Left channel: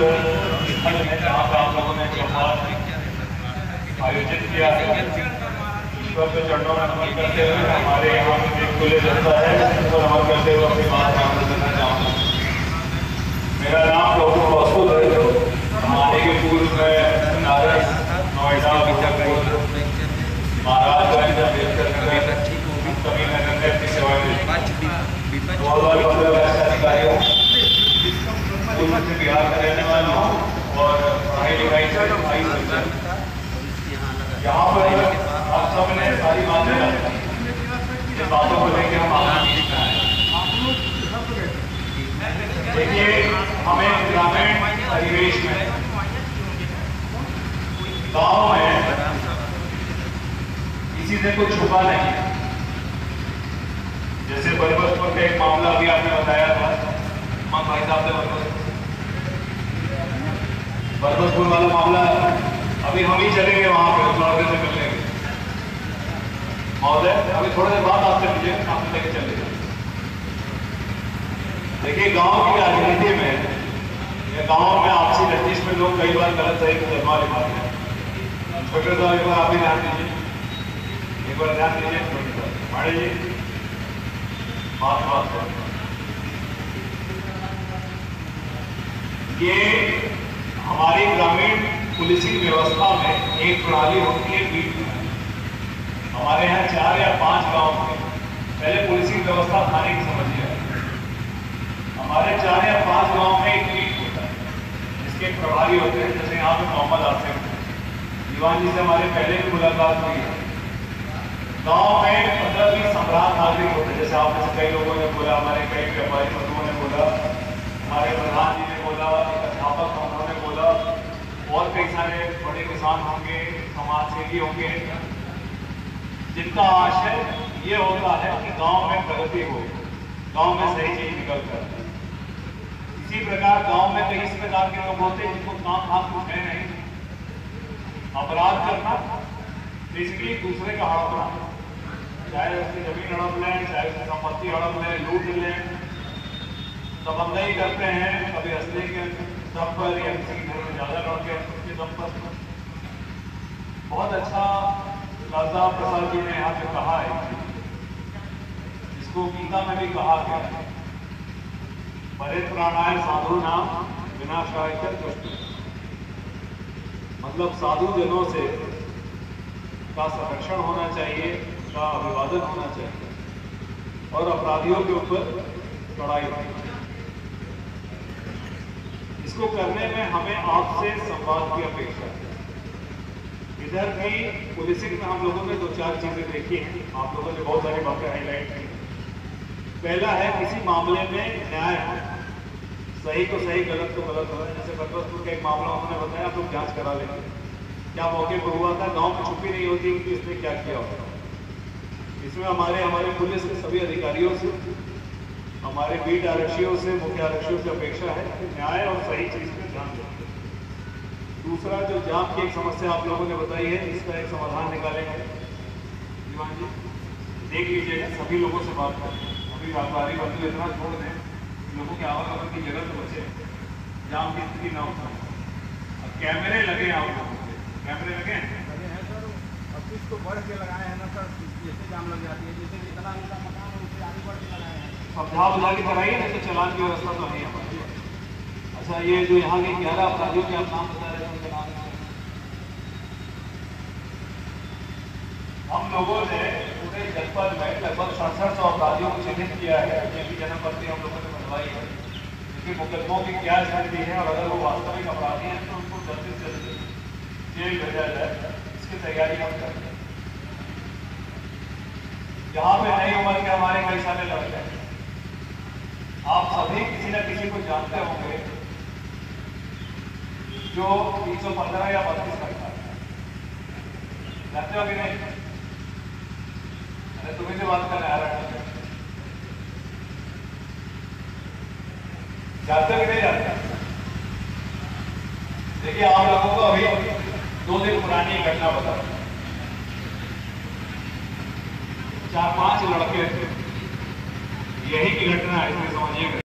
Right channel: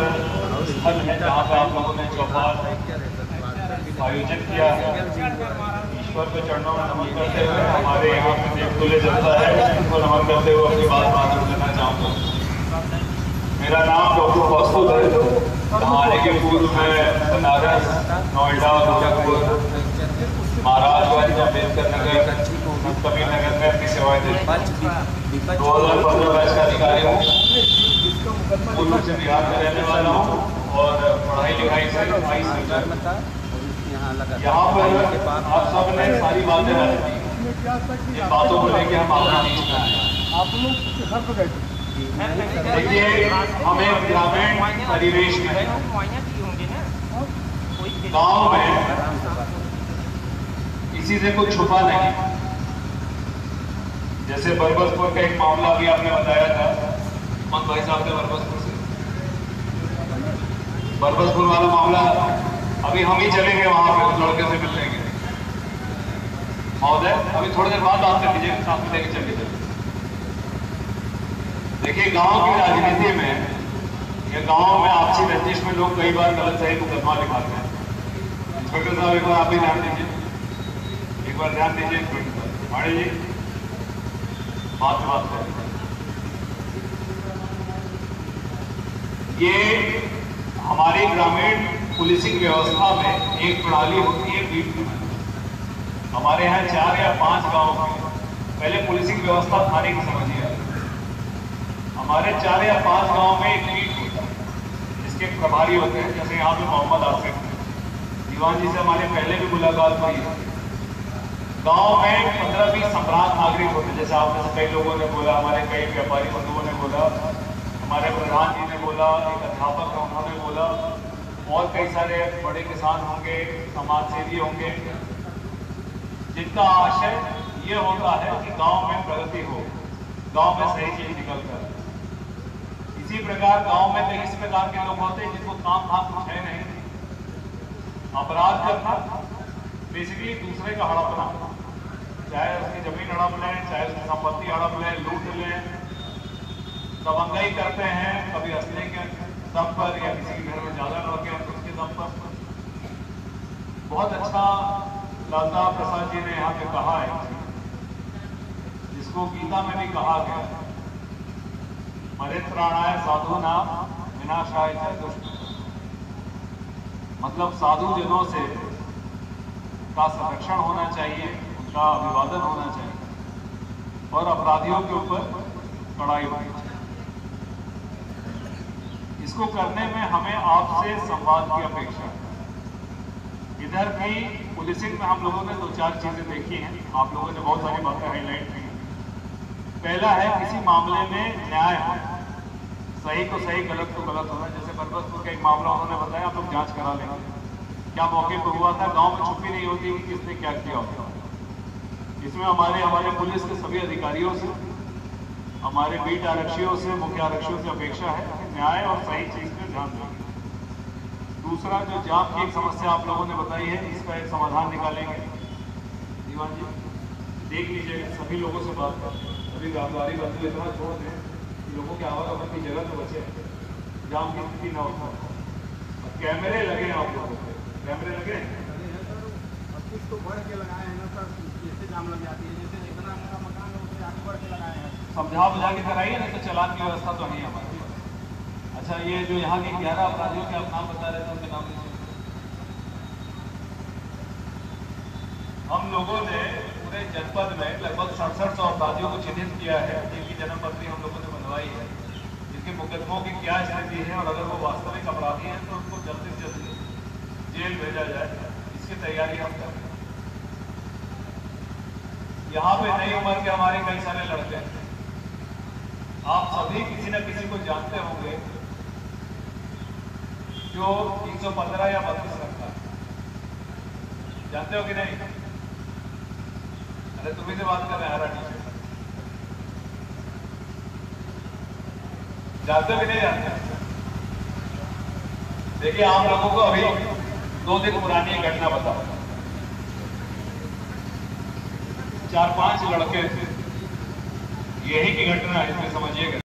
स्थल है जहाँ पर आप लोगों ने त्योहार आयोजित किया है। ईश्वर के चरणों में नमन करते हुए हमारे यहाँ की दिल जनता है, जिनको नमन करते हुए अपनी बात आगे करना चाहूँगा। मेरा नाम डॉक्टर कौस्तुभ है। आने के पूर्व में बनारस, नोएडा, गोरखपुर, महाराजगंज, अम्बेडकर नगर, कभी नगर में की सेवा दी। 2015 वर्ष का अधिकारी हूँ, पूर्व से बिहार का रहने वाला हूँ और पढ़ाई लिखाई से भाई समझा। यहाँ पर आप सब ने सारी बातें इस बातों को लेकर हम आना नहीं चाहें। देखिए, हमें ग्रामीण परिवेश में, गांव में किसी से कुछ छुपा नहीं। जैसे बरबसपुर का एक मामला अभी आपने बताया था, मन भाई साहब ने बरबसपुर वाला मामला, अभी हम ही चलेंगे वहां पे उस लड़के से मिलने के महोदय, अभी थोड़ी देर बाद आपसे मिलेंगे, साथ लेके चले जाए। देखिए, गांव की राजनीति में या गांव में आपसी रंजिश में लोग कई बार गलत सही मुकदमा लिखाते हैं। इंस्पेक्टर साहब एक बार आप भी ध्यान दीजिए, एक बार ध्यान दीजिए इंस्पेक्टर साहब, माड़ी जी बात करें। ये हमारी ग्रामीण पुलिसिंग व्यवस्था में एक प्रणाली होती है बीट। हमारे यहाँ 4 या 5 गांव में पहले पुलिसिंग व्यवस्था थाने की समझिए। हमारे 4 या 5 गांव में एक बीट होता है जिसके प्रभारी होते हैं। जैसे यहाँ पे मोहम्मद आसिफ दीवान जी से हमारे पहले भी मुलाकात हुई है। गांव में 15-20 सम्राट नागरिक होते हैं। जैसे आप में से कई लोगों ने बोला, हमारे कई व्यापारी बंधुओं ने बोला, हमारे प्रधान जी ने बोला, एक अध्यापक उन्होंने बोला, और कई सारे बड़े किसान होंगे, समाज सेवी होंगे, जिनका आशय ये होता है कि गांव में प्रगति हो, गांव में सही चीज निकल कर। इसी प्रकार गांव में कई इस प्रकार के लोग होते हैं जिनको काम कुछ है नहीं, अपराध करना, बेसिकली दूसरे का हड़पना, चाहे उसकी जमीन हड़प लें, चाहे उसकी संपत्ति हड़प लें, लूट लें, दबंगई करते हैं, कभी असले के दम पर या किसी के घर में ज्यादा लड़के हैं तो उसके दम पर। बहुत अच्छा लाला प्रसाद जी ने यहाँ पे कहा है, जिसको गीता में भी कहा गया है, परित्राणाय साधु नाम विनाशाय च दुष्कृतम्। मतलब साधु जनों से का संरक्षण होना चाहिए, उनका अभिवादन होना चाहिए और अपराधियों के ऊपर कड़ाई होनी चाहिए। इसको करने में हमें आपसे संवाद की अपेक्षा है। इधर भी पुलिसिंग में हम लोगों ने 2-4 चीजें देखी हैं, आप लोगों ने बहुत सारी बातें हाईलाइट की। पहला है किसी मामले में न्याय होना, सही को सही, गलत को गलत होना। जैसे बरबसपुर का एक मामला उन्होंने बताया, आप लोग जांच करा लेंगे, क्या मौके पर हुआ था, गांव में छुपी नहीं होती कि किसने क्या किया होता। इसमें हमारे पुलिस के सभी अधिकारियों से, हमारे बीट आरक्षियों से, मुख्य आरक्षियों से अपेक्षा है कि न्याय और सही चीज पे ध्यान देंगे। दूसरा, जो जाम की एक समस्या आप लोगों ने बताई है, इसका एक समाधान निकालेंगे। दीवान जी देख लीजिएगा, सभी लोगों से बात करें। अभी व्यापारी बंधु इतना छोड़ दें कि लोगों के आवागमन की जगह तो बचे, जाम की स्थिति ना उठा। अब कैमरे लगे आप लोगों पे, कैमरे लगे समझा बुझा के कराइए, नहीं तो चालान की व्यवस्था तो नहीं है हमारी। अच्छा, ये जो यहाँ के 11 अपराधियों के आप नाम बता रहे थे, उनके नाम हम लोगों ने पूरे जनपद में लगभग 6700 अपराधियों को चिन्हित किया है, जिनकी जन्मपत्री हम लोगों ने बनवाई है, जिनके मुकदमों की क्या स्थिति है और अगर वो वास्तविक अपराधी हैं तो उनको जल्द से जल्द जेल भेजा जाए, इसकी तैयारी हम करते हैं। यहाँ पे नई उम्र के हमारे कई सारे लड़के हैं, आप सभी किसी न किसी को जानते होंगे जो 315 या 32 रखता है, जानते हो कि नहीं? अरे तुम्ही से बात करने आ रहा है, जानते हो कि नहीं जानते? देखिए, आप लोगों को अभी 2 दिन पुरानी घटना बताओ। 4-5 लड़के थे, यही की घटना है, इसमें समझिएगा।